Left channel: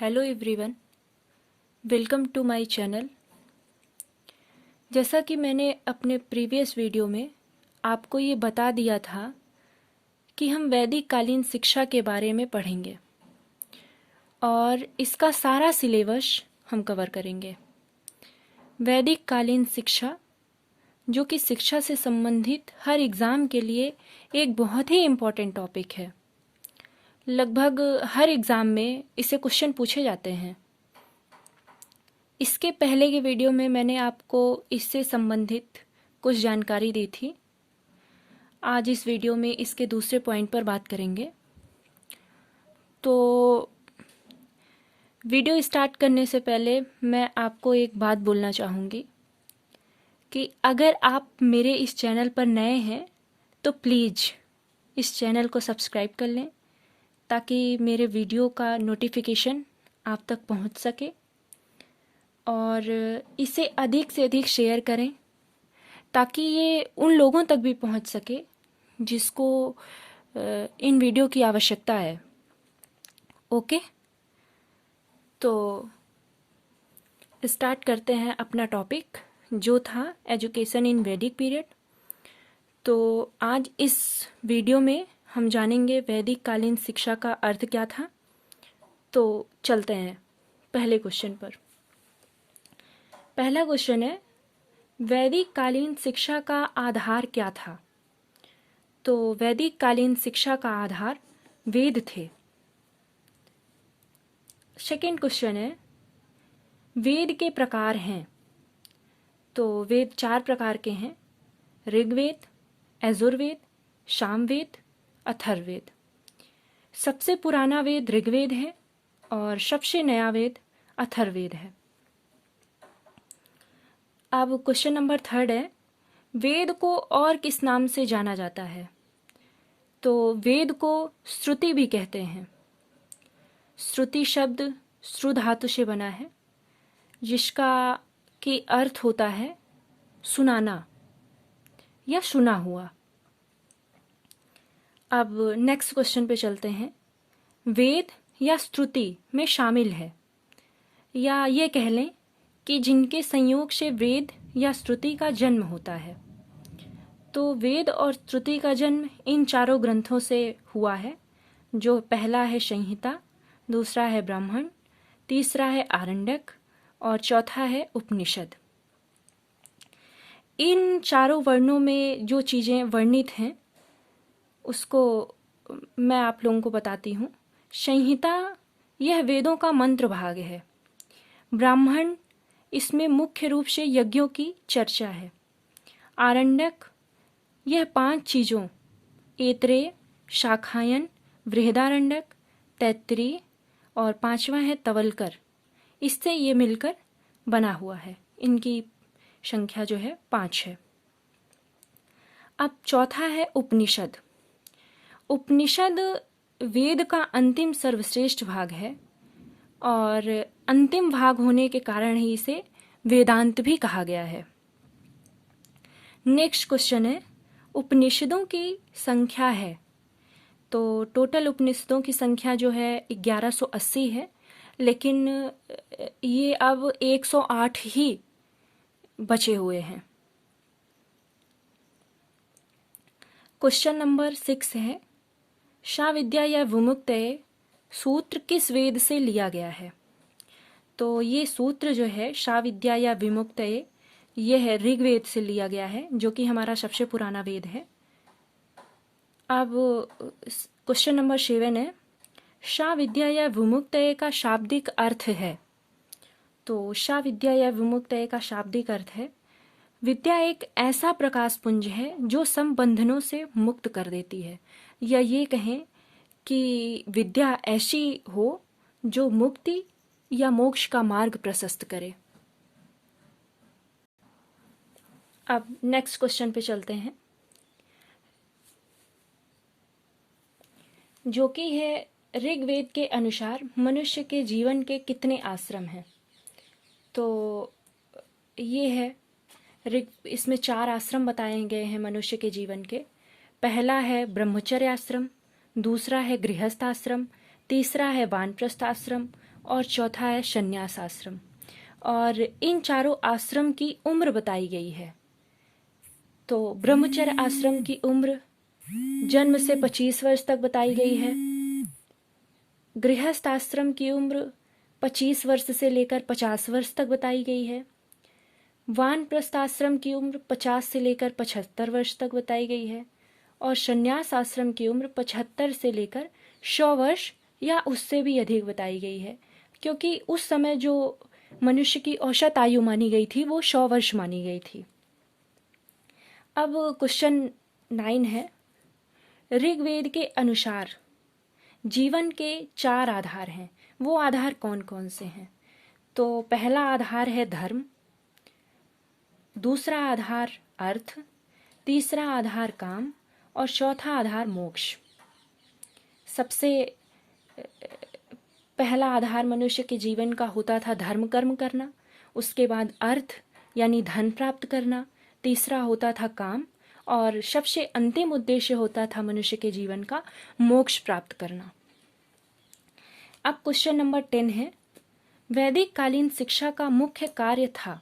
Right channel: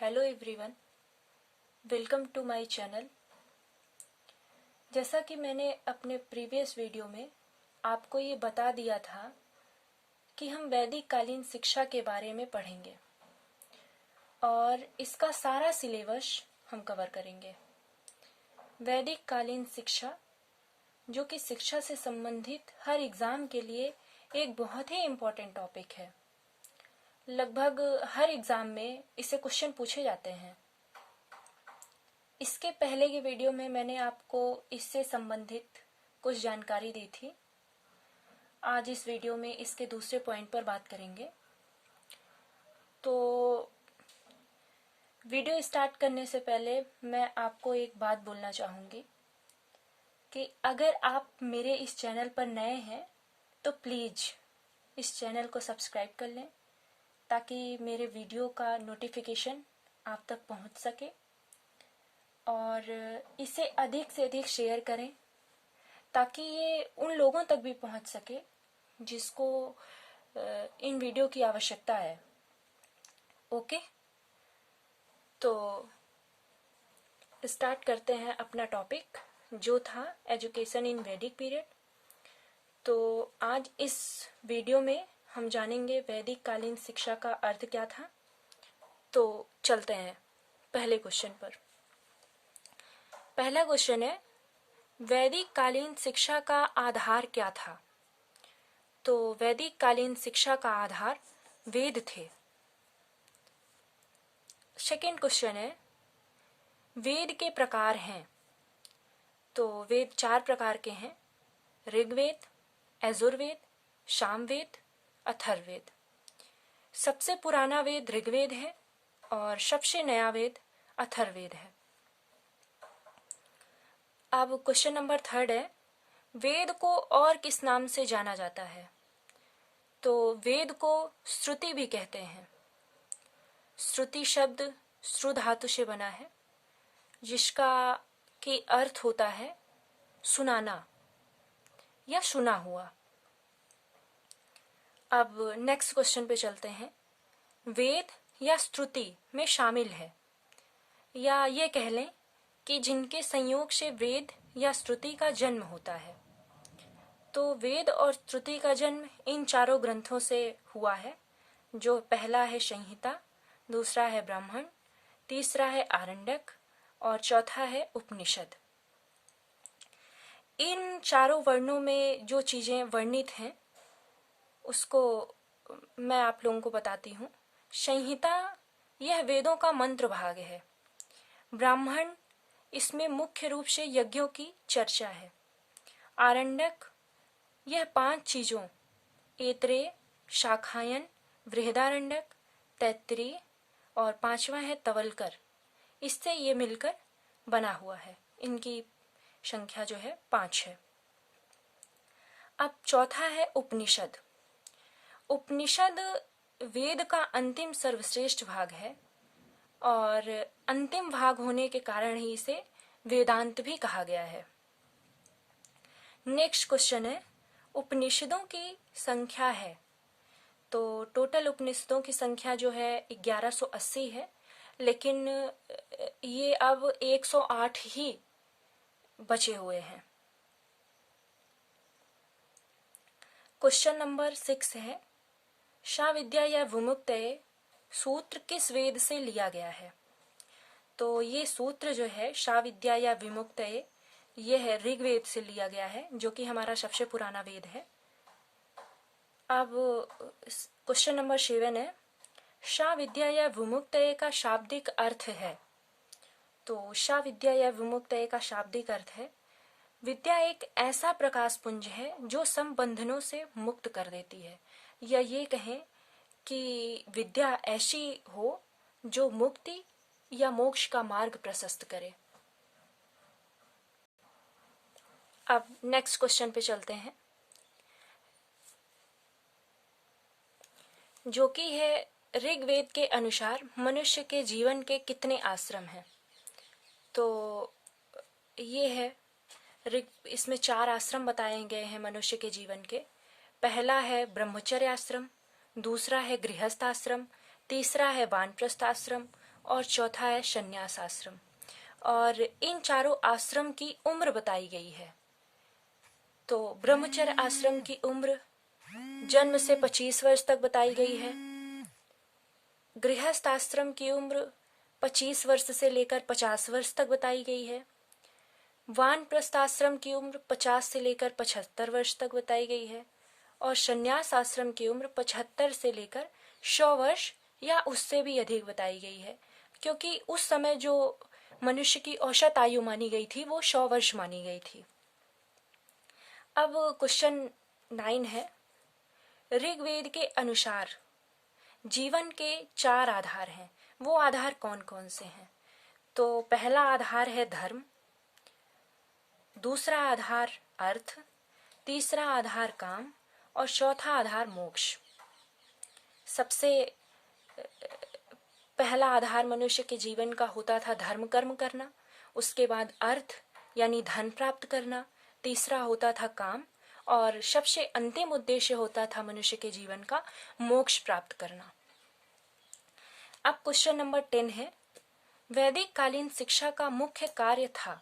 Hello everyone, welcome to my channel. जैसा कि मैंने अपने प्रीवियस वीडियो में आपको ये बता दिया था कि हम वैदिक कालीन शिक्षा के बारे में पढ़ेंगे और इसका सारा सिलेबस हम कवर करेंगे। वैदिक कालीन शिक्षा जो कि शिक्षा से संबंधित हर एग्ज़ाम के लिए एक बहुत ही इम्पॉर्टेंट टॉपिक है। लगभग हर एग्ज़ाम में इससे क्वेश्चन पूछे जाते हैं। इसके पहले के वीडियो में मैंने आपको इससे संबंधित कुछ जानकारी दी थी। आज इस वीडियो में इसके दूसरे पॉइंट पर बात करेंगे। तो वीडियो स्टार्ट करने से पहले मैं आपको एक बात बोलना चाहूँगी कि अगर आप मेरे इस चैनल पर नए हैं तो प्लीज़ इस चैनल को सब्सक्राइब कर लें ताकि मेरे वीडियो का नोटिफिकेशन आप तक पहुंच सके और इसे अधिक से अधिक शेयर करें ताकि ये उन लोगों तक भी पहुंच सके जिसको इन वीडियो की आवश्यकता है। ओके, तो स्टार्ट करते हैं अपना टॉपिक जो था एजुकेशन इन वैदिक पीरियड। तो आज इस वीडियो में हम जानेंगे वैदिक कालीन शिक्षा का अर्थ क्या था। तो चलते हैं पहले क्वेश्चन पर। पहला क्वेश्चन है, वैदिक कालीन शिक्षा का आधार क्या था? तो वैदिक कालीन शिक्षा का आधार वेद थे। सेकेंड क्वेश्चन है, वेद के प्रकार हैं। तो वेद 4 प्रकार के हैं: ऋग्वेद, यजुर्वेद, सामवेद, अथर्ववेद। सबसे पुराना वेद ऋग्वेद है और सबसे नया वेद अथर्ववेद है। अब क्वेश्चन नंबर 3 है, वेद को और किस नाम से जाना जाता है? तो वेद को श्रुति भी कहते हैं। श्रुति शब्द श्रु धातु से बना है जिसका की अर्थ होता है सुनाना या सुना हुआ। अब नेक्स्ट क्वेश्चन पे चलते हैं। वेद या श्रुति में शामिल है, या ये कह लें कि जिनके संयोग से वेद या श्रुति का जन्म होता है। तो वेद और श्रुति का जन्म इन चारों ग्रंथों से हुआ है, जो पहला है संहिता, दूसरा है ब्राह्मण, तीसरा है आरण्यक और चौथा है उपनिषद। इन चारों वर्णों में जो चीज़ें वर्णित हैं उसको मैं आप लोगों को बताती हूँ। संहिता यह वेदों का मंत्र भाग है। ब्राह्मण, इसमें मुख्य रूप से यज्ञों की चर्चा है। आरण्यक, यह 5 चीज़ों ऐत्रेय, शाखायन, बृहदारण्यक, तैत्तिरीय और 5वां है तवलकर, इससे ये मिलकर बना हुआ है। इनकी संख्या जो है 5 है। अब चौथा है उपनिषद। उपनिषद वेद का अंतिम सर्वश्रेष्ठ भाग है और अंतिम भाग होने के कारण ही इसे वेदांत भी कहा गया है। नेक्स्ट क्वेश्चन है, उपनिषदों की संख्या है। तो टोटल उपनिषदों की संख्या जो है 1180 है, लेकिन ये अब 108 ही बचे हुए हैं। क्वेश्चन नंबर 6 है, शाविद्या या विमुक्तये सूत्र किस वेद से लिया गया है? तो ये सूत्र जो है शाविद्या या विमुक्तये, ये है ऋग्वेद से लिया गया है, जो कि हमारा सबसे पुराना वेद है। अब क्वेश्चन नंबर 7 है, शाविद्या या विमुक्तये का शाब्दिक अर्थ है। तो शाविद्या या विमुक्तये का शाब्दिक अर्थ है, विद्या एक ऐसा प्रकाश पुंज है जो संबंधनों से मुक्त कर देती है, या ये कहें कि विद्या ऐसी हो जो मुक्ति या मोक्ष का मार्ग प्रशस्त करे। अब नेक्स्ट क्वेश्चन पे चलते हैं, जो कि है ऋग्वेद के अनुसार मनुष्य के जीवन के कितने आश्रम हैं? तो ये है इसमें 4 आश्रम बताए गए हैं मनुष्य के जीवन के। पहला है ब्रह्मचर्य आश्रम, दूसरा है गृहस्थ आश्रम, तीसरा है वानप्रस्थ आश्रम और चौथा है संन्यास आश्रम। और इन चारों आश्रम की उम्र बताई गई है। तो ब्रह्मचर्य आश्रम की उम्र जन्म से 25 वर्ष तक बताई गई है। गृहस्थ आश्रम की उम्र 25 वर्ष से लेकर 50 वर्ष तक बताई गई है। वानप्रस्थ आश्रम की उम्र 50 से लेकर 75 वर्ष तक बताई गई है। और संन्यास आश्रम की उम्र 75 से लेकर 100 वर्ष या उससे भी अधिक बताई गई है, क्योंकि उस समय जो मनुष्य की औसत आयु मानी गई थी वो 100 वर्ष मानी गई थी। अब क्वेश्चन 9 है, ऋग्वेद के अनुसार जीवन के 4 आधार हैं, वो आधार कौन कौन से हैं? तो पहला आधार है धर्म, दूसरा आधार अर्थ, तीसरा आधार काम और चौथा आधार मोक्ष। सबसे पहला आधार मनुष्य के जीवन का होता था धर्म कर्म करना, उसके बाद अर्थ यानी धन प्राप्त करना, तीसरा होता था काम और सबसे अंतिम उद्देश्य होता था मनुष्य के जीवन का मोक्ष प्राप्त करना। अब क्वेश्चन नंबर 10 है, वैदिक कालीन शिक्षा का मुख्य कार्य था।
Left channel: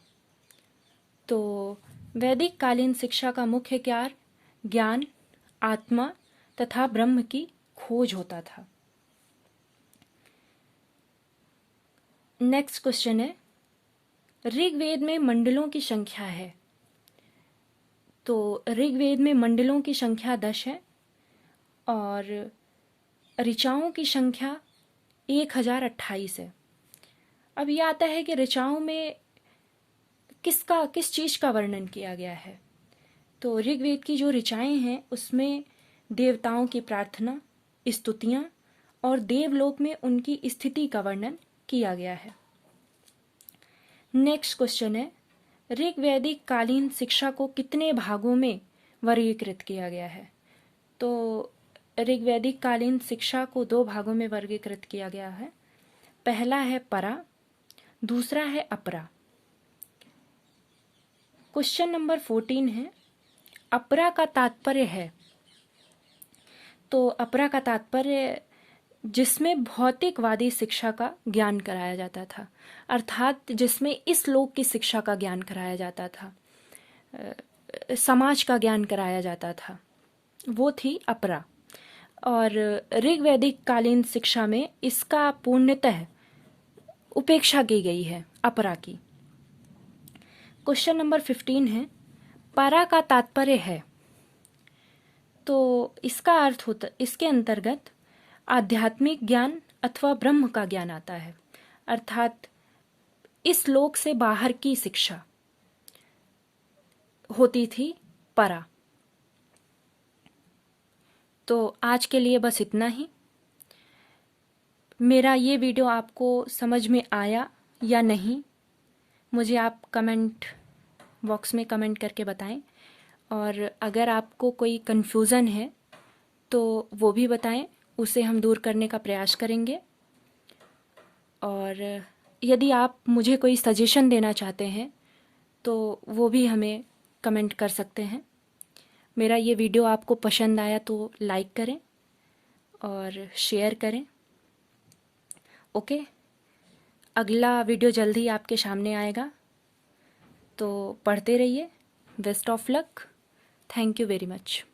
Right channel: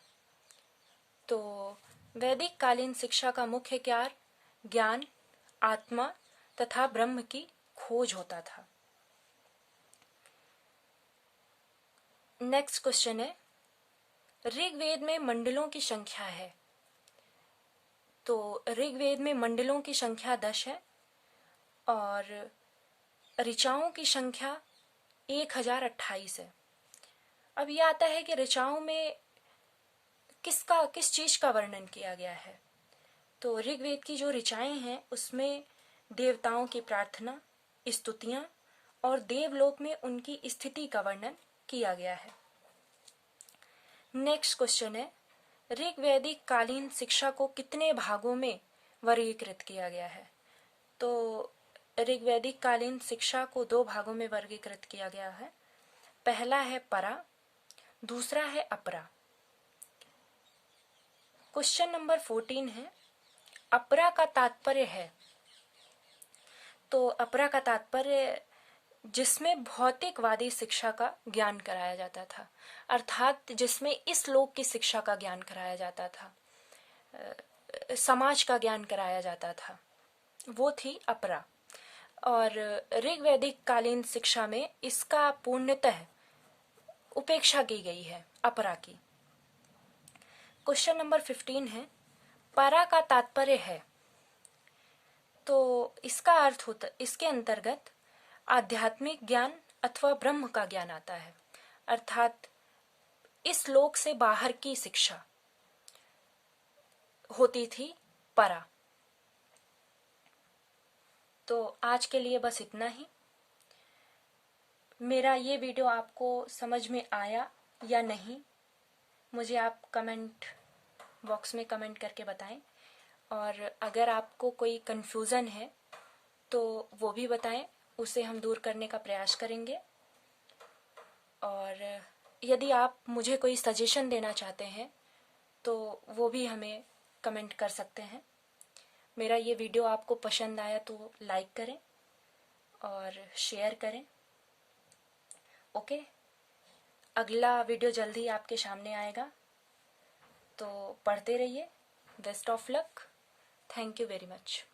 तो वैदिक कालीन शिक्षा का मुख्य कार्य ज्ञान, आत्मा तथा ब्रह्म की खोज होता था। नेक्स्ट क्वेश्चन है, ऋग्वेद में मंडलों की संख्या है। तो ऋग्वेद में मंडलों की संख्या 10 है और ऋचाओं की संख्या 1028 है। अब यह आता है कि ऋचाओं में किस चीज का वर्णन किया गया है। तो ऋग्वेद की जो ऋचाएं हैं उसमें देवताओं की प्रार्थना, स्तुतियां और देवलोक में उनकी स्थिति का वर्णन किया गया है। नेक्स्ट क्वेश्चन है, ऋग्वैदिक कालीन शिक्षा को कितने भागों में वर्गीकृत किया गया है? तो ऋग्वैदिक कालीन शिक्षा को 2 भागों में वर्गीकृत किया गया है। पहला है परा, दूसरा है अपरा। क्वेश्चन नंबर 14 है, अपरा का तात्पर्य है। तो अपरा का तात्पर्य जिसमें भौतिकवादी शिक्षा का ज्ञान कराया जाता था, अर्थात जिसमें इस लोक की शिक्षा का ज्ञान कराया जाता था, समाज का ज्ञान कराया जाता था, वो थी अपरा। और ऋग्वैदिक कालीन शिक्षा में इसका पूर्णतः उपेक्षा की गई है, अपरा की। क्वेश्चन नंबर 15 है, परा का तात्पर्य है। तो इसका अर्थ होता, इसके अंतर्गत आध्यात्मिक ज्ञान अथवा ब्रह्म का ज्ञान आता है, अर्थात इस लोक से बाहर की शिक्षा होती थी परा। तो आज के लिए बस इतना ही। मेरा ये वीडियो आपको समझ में आया या नहीं, मुझे आप कमेंट बॉक्स में कमेंट करके बताएं। और अगर आपको कोई कन्फ्यूज़न है तो वो भी बताएं, उसे हम दूर करने का प्रयास करेंगे। और यदि आप मुझे कोई सजेशन देना चाहते हैं तो वो भी हमें कमेंट कर सकते हैं। मेरा ये वीडियो आपको पसंद आया तो लाइक करें और शेयर करें। ओके, अगला वीडियो जल्दी आपके सामने आएगा, तो पढ़ते रहिए। Best of luck. Thank you very much.